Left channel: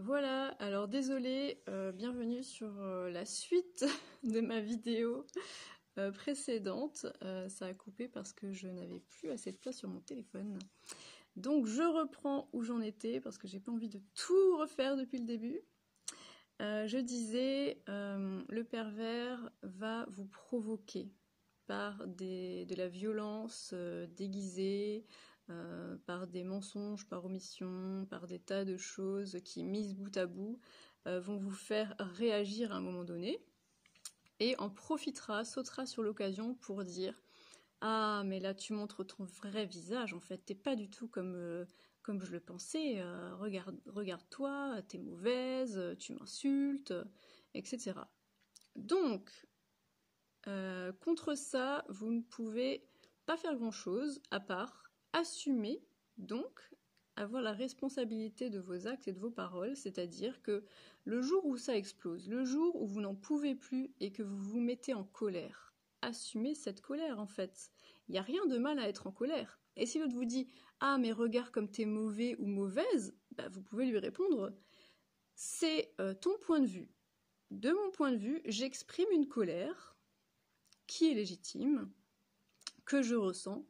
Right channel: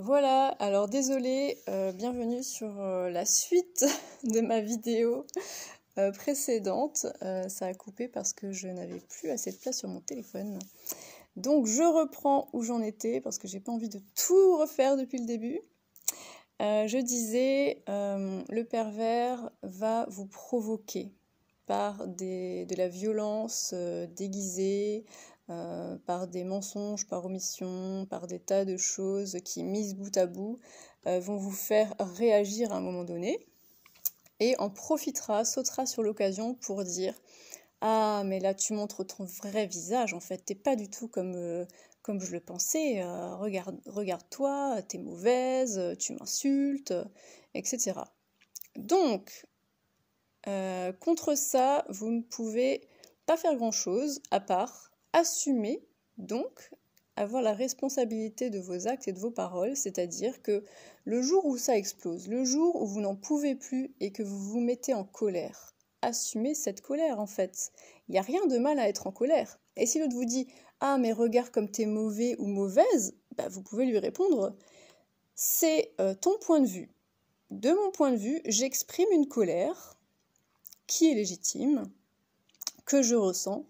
Voilà, alors désolée, bienvenue sur la suite de ma vidéo précédente. Ça a coupé parce que je n'avais plus assez de place sur mon téléphone. Donc je reprends où j'en étais parce que j'ai pas envie de tout refaire depuis le début. Je disais, le pervers va vous provoquer par de la violence déguisée, par des mensonges, par omission, par des tas de choses qui, mises bout à bout, vont vous faire réagir à un moment donné, et en profitera, sautera sur l'occasion pour dire « Ah, mais là tu montres ton vrai visage, en fait, t'es pas du tout comme je le pensais, regarde-toi, t'es mauvaise, tu m'insultes, etc. » Donc, contre ça, vous ne pouvez pas faire grand-chose à part assumer, donc avoir la responsabilité de vos actes et de vos paroles, c'est-à-dire que le jour où ça explose, le jour où vous n'en pouvez plus et que vous vous mettez en colère, assumez cette colère en fait. Il n'y a rien de mal à être en colère. Et si l'autre vous dit « Ah mais regarde comme t'es mauvais ou mauvaise », bah, vous pouvez lui répondre « C'est ton point de vue. De mon point de vue, j'exprime une colère qui est légitime, que je ressens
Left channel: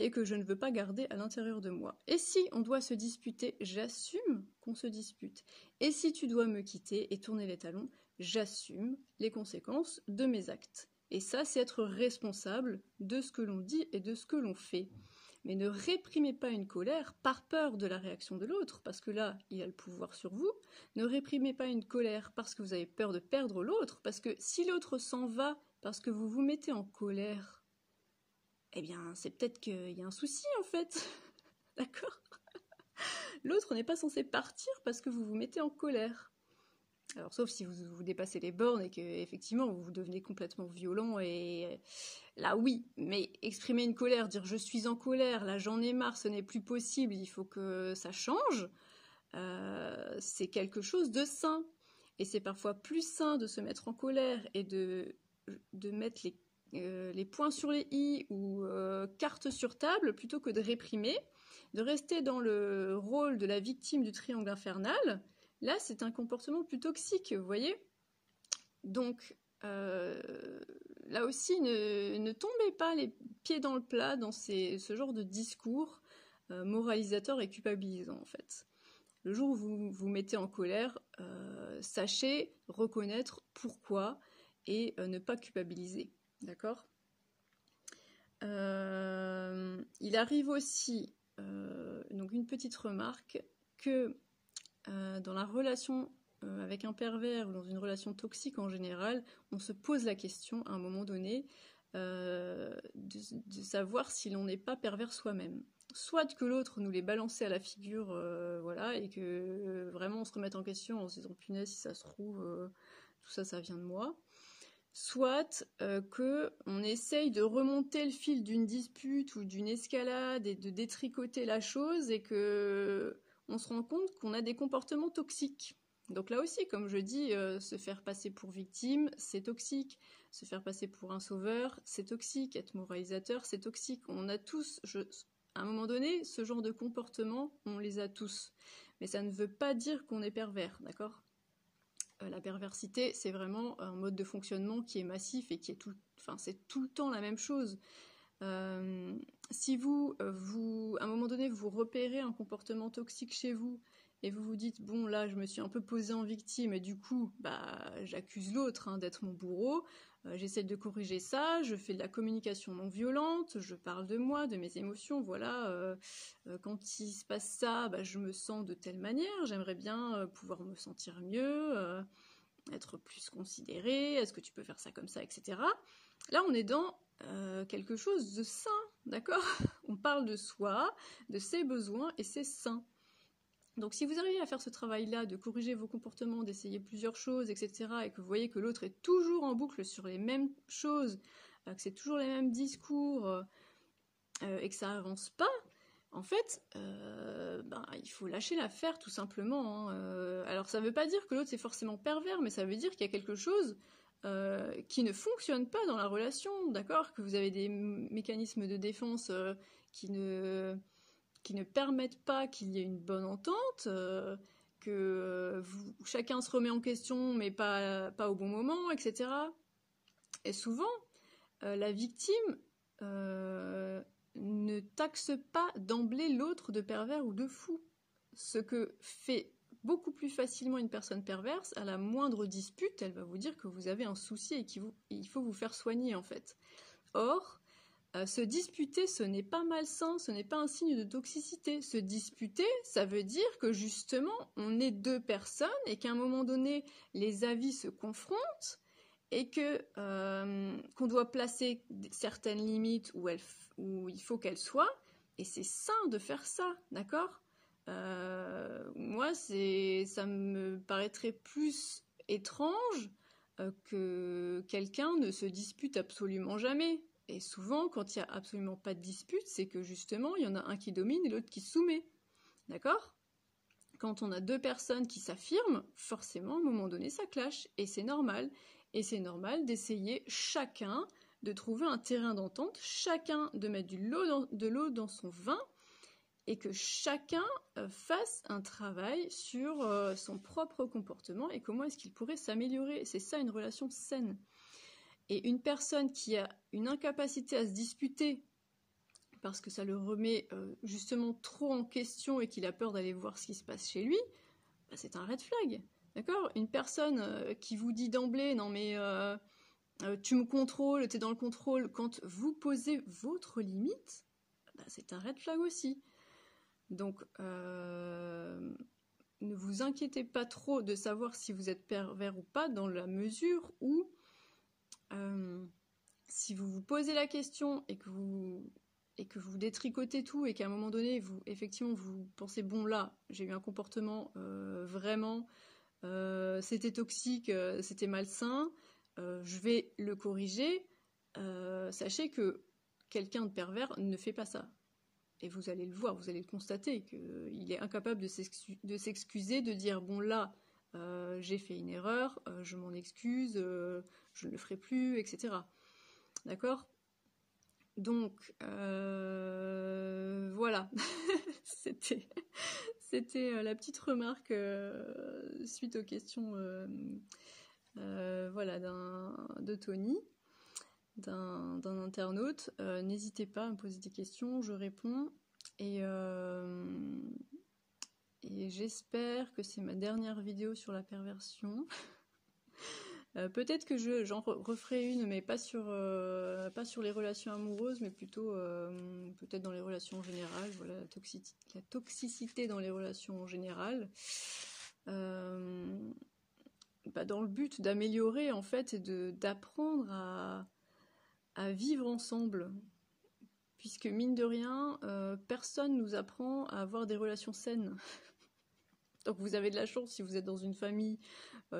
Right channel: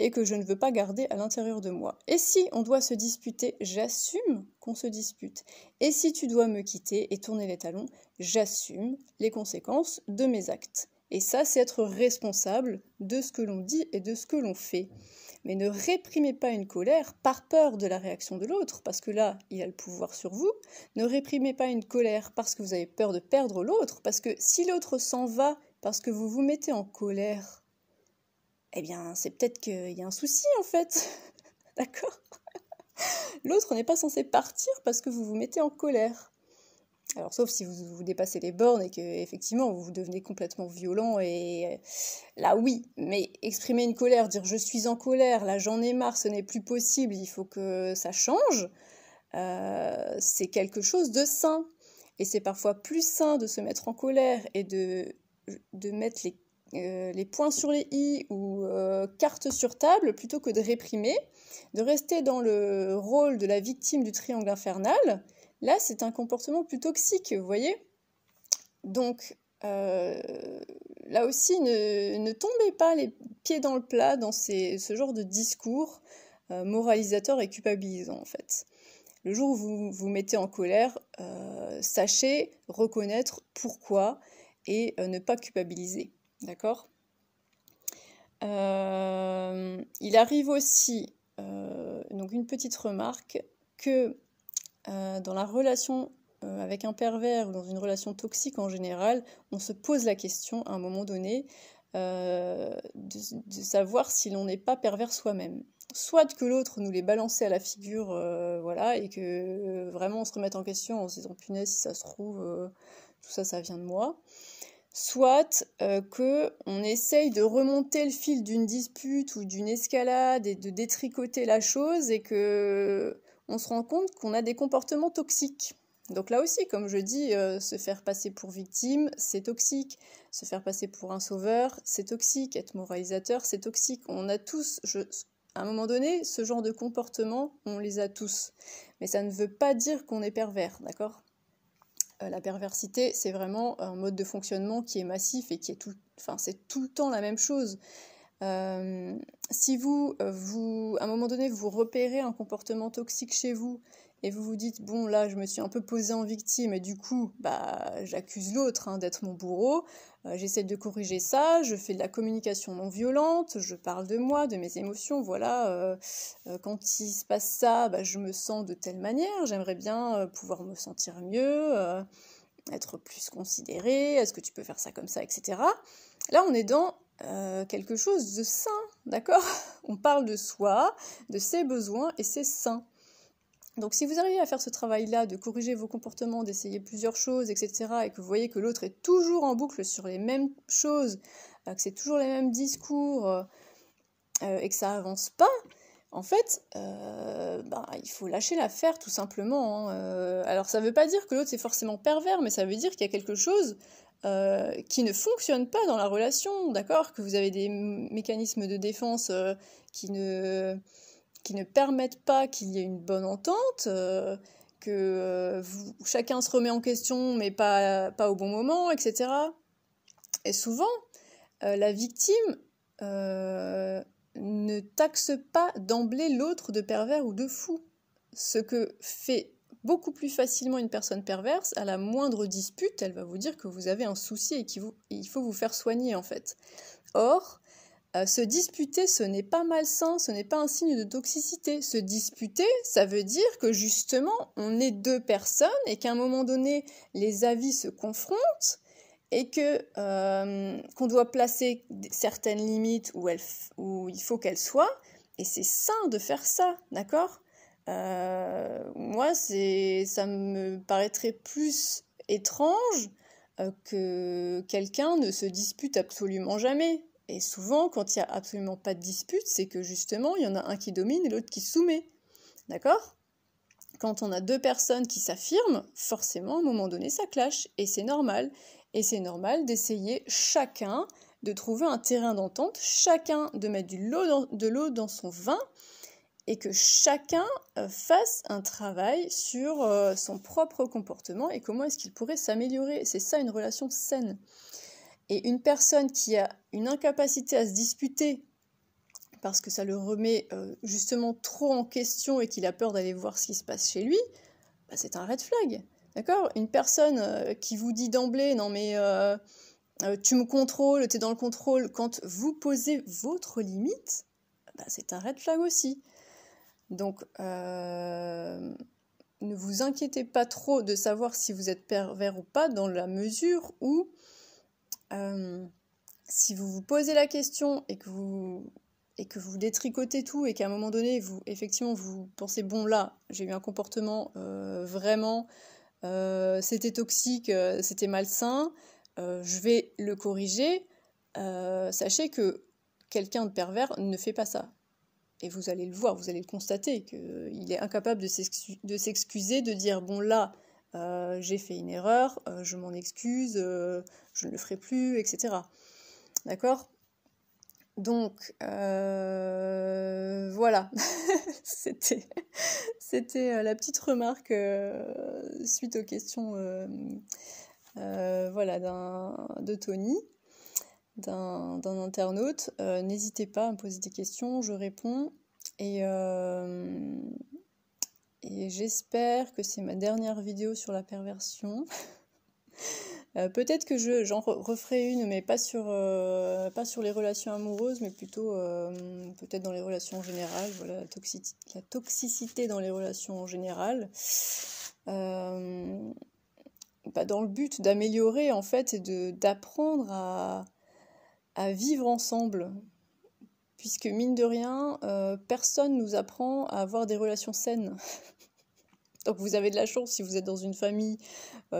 et que je ne veux pas garder à l'intérieur de moi. Et si on doit se disputer, j'assume qu'on se dispute. Et si tu dois me quitter et tourner les talons, j'assume les conséquences de mes actes. Et ça, c'est être responsable de ce que l'on dit et de ce que l'on fait. Mais ne réprimez pas une colère par peur de la réaction de l'autre, parce que là, il a le pouvoir sur vous. Ne réprimez pas une colère parce que vous avez peur de perdre l'autre, parce que si l'autre s'en va parce que vous vous mettez en colère, eh bien, c'est peut-être qu'il y a un souci, en fait. D'accord ? L'autre n'est pas censé partir parce que vous vous mettez en colère. Alors, sauf si vous dépassez les bornes et que, effectivement, vous devenez complètement violent, et là, oui. Mais exprimer une colère, dire « je suis en colère, là, j'en ai marre, ce n'est plus possible, il faut que ça change », c'est quelque chose de sain. Et c'est parfois plus sain de se mettre en colère et de mettre les points sur les i ou cartes sur table plutôt que de réprimer, de rester dans le rôle de la victime du triangle infernal. Là, c'est un comportement plus toxique, vous voyez. Donc, là aussi, ne tombez pas les pieds dans le plat dans ce genre de discours moralisateur et culpabilisant, en fait. Le jour où vous vous mettez en colère, sachez reconnaître pourquoi et ne pas culpabiliser. D'accord ? Il arrive aussi, donc une petite remarque, que dans la relation avec un pervers ou dans une relation toxique en général, on se pose la question à un moment donné de savoir si l'on n'est pas pervers soi-même. Soit que l'autre nous l'ait balancé à la figure, voilà, et que vraiment on se remette en question en se disant punaise, si ça se trouve, tout ça, ça vient de moi. Soit qu'on essaye de remonter le fil d'une dispute ou d'une escalade et de détricoter la chose et qu'on se rend compte qu'on a des comportements toxiques. Donc là aussi, comme je dis, se faire passer pour victime, c'est toxique. Se faire passer pour un sauveur, c'est toxique. Être moralisateur, c'est toxique. On a tous, à un moment donné, ce genre de comportement, on les a tous. Mais ça ne veut pas dire qu'on est pervers, d'accord ? La perversité, c'est vraiment un mode de fonctionnement qui est massif et qui est c'est tout le temps la même chose. Si à un moment donné, vous repérez un comportement toxique chez vous et vous vous dites, bon, là, je me suis un peu posée en victime et du coup, j'accuse l'autre d'être mon bourreau, j'essaie de corriger ça, je fais de la communication non violente, je parle de moi, de mes émotions, voilà, quand il se passe ça, je me sens de telle manière, j'aimerais bien pouvoir me sentir mieux, être plus considérée, est-ce que tu peux faire ça comme ça, etc. Là, on est dans quelque chose de sain, d'accord ? On parle de soi, de ses besoins, et c'est sain. Donc si vous arrivez à faire ce travail-là, de corriger vos comportements, d'essayer plusieurs choses, etc., et que vous voyez que l'autre est toujours en boucle sur les mêmes choses, que c'est toujours les mêmes discours, et que ça avance pas, en fait, il faut lâcher l'affaire tout simplement. Alors ça veut pas dire que l'autre c'est forcément pervers, mais ça veut dire qu'il y a quelque chose qui ne fonctionne pas dans la relation, d'accord ? Que vous avez des mécanismes de défense qui ne permettent pas qu'il y ait une bonne entente, que chacun se remet en question, mais pas au bon moment, etc. Et souvent, la victime ne taxe pas d'emblée l'autre de pervers ou de fou. Ce que fait beaucoup plus facilement une personne perverse, à la moindre dispute, elle va vous dire que vous avez un souci et qu'il faut vous faire soigner, en fait. Or, se disputer, ce n'est pas malsain, ce n'est pas un signe de toxicité. Se disputer, ça veut dire que justement, on est deux personnes et qu'à un moment donné, les avis se confrontent et qu'on doit placer certaines limites où il faut qu'elles soient, et c'est sain de faire ça, d'accord ? Moi, ça me paraîtrait plus étrange que quelqu'un ne se dispute absolument jamais. Et souvent, quand il n'y a absolument pas de dispute, c'est que justement, il y en a un qui domine et l'autre qui se soumet. D'accord ? Quand on a deux personnes qui s'affirment, forcément, à un moment donné, ça clash. Et c'est normal. Et c'est normal d'essayer chacun de trouver un terrain d'entente, chacun de mettre de l'eau dans son vin, et que chacun fasse un travail sur son propre comportement et comment est-ce qu'il pourrait s'améliorer. C'est ça une relation saine. Et une personne qui a une incapacité à se disputer parce que ça le remet justement trop en question et qu'il a peur d'aller voir ce qui se passe chez lui, bah c'est un red flag. D'accord ? Une personne qui vous dit d'emblée « Non mais tu me contrôles, tu es dans le contrôle » quand vous posez votre limite, bah c'est un red flag aussi. Donc, ne vous inquiétez pas trop de savoir si vous êtes pervers ou pas, dans la mesure où si vous vous posez la question et que vous détricotez tout et qu'à un moment donné, effectivement, vous pensez « Bon, là, j'ai eu un comportement vraiment, c'était toxique, c'était malsain, je vais le corriger », sachez que quelqu'un de pervers ne fait pas ça. Et vous allez le voir, vous allez le constater, qu'il est incapable de s'excuser, de dire « Bon, là, j'ai fait une erreur, je m'en excuse, je ne le ferai plus, etc. » D'accord ? Donc, voilà. C'était la petite remarque suite aux questions voilà, de Tony. D'un internaute. N'hésitez pas à me poser des questions, je réponds. Et j'espère que c'est ma dernière vidéo sur la perversion. Peut-être que j'en referai une, mais pas sur les relations amoureuses, mais plutôt peut-être dans les relations en général. Voilà, la toxicité dans les relations en général. Dans le but d'améliorer, en fait, et d'apprendre à vivre ensemble, puisque mine de rien, personne nous apprend à avoir des relations saines. Donc vous avez de la chance si vous êtes dans une famille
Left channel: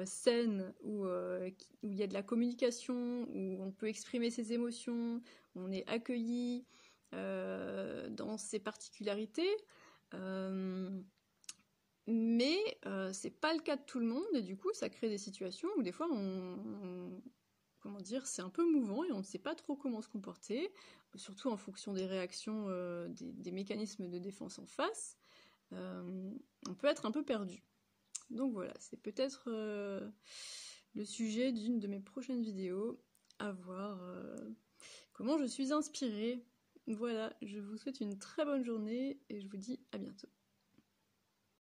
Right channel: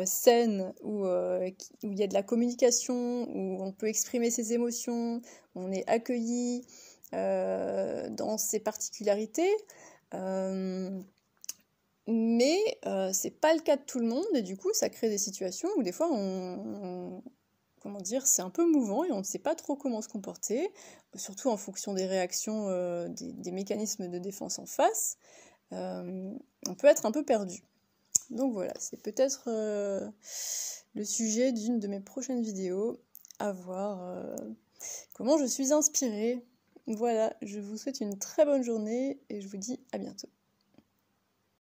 saine, où il y a de la communication, où on peut exprimer ses émotions, on est accueilli dans ses particularités, mais c'est pas le cas de tout le monde, et du coup ça crée des situations où des fois comment dire, c'est un peu mouvant et on ne sait pas trop comment se comporter, surtout en fonction des réactions, des mécanismes de défense en face. On peut être un peu perdu. Donc voilà, c'est peut-être le sujet d'une de mes prochaines vidéos, à voir comment je suis inspirée. Voilà, je vous souhaite une très bonne journée et je vous dis à bientôt.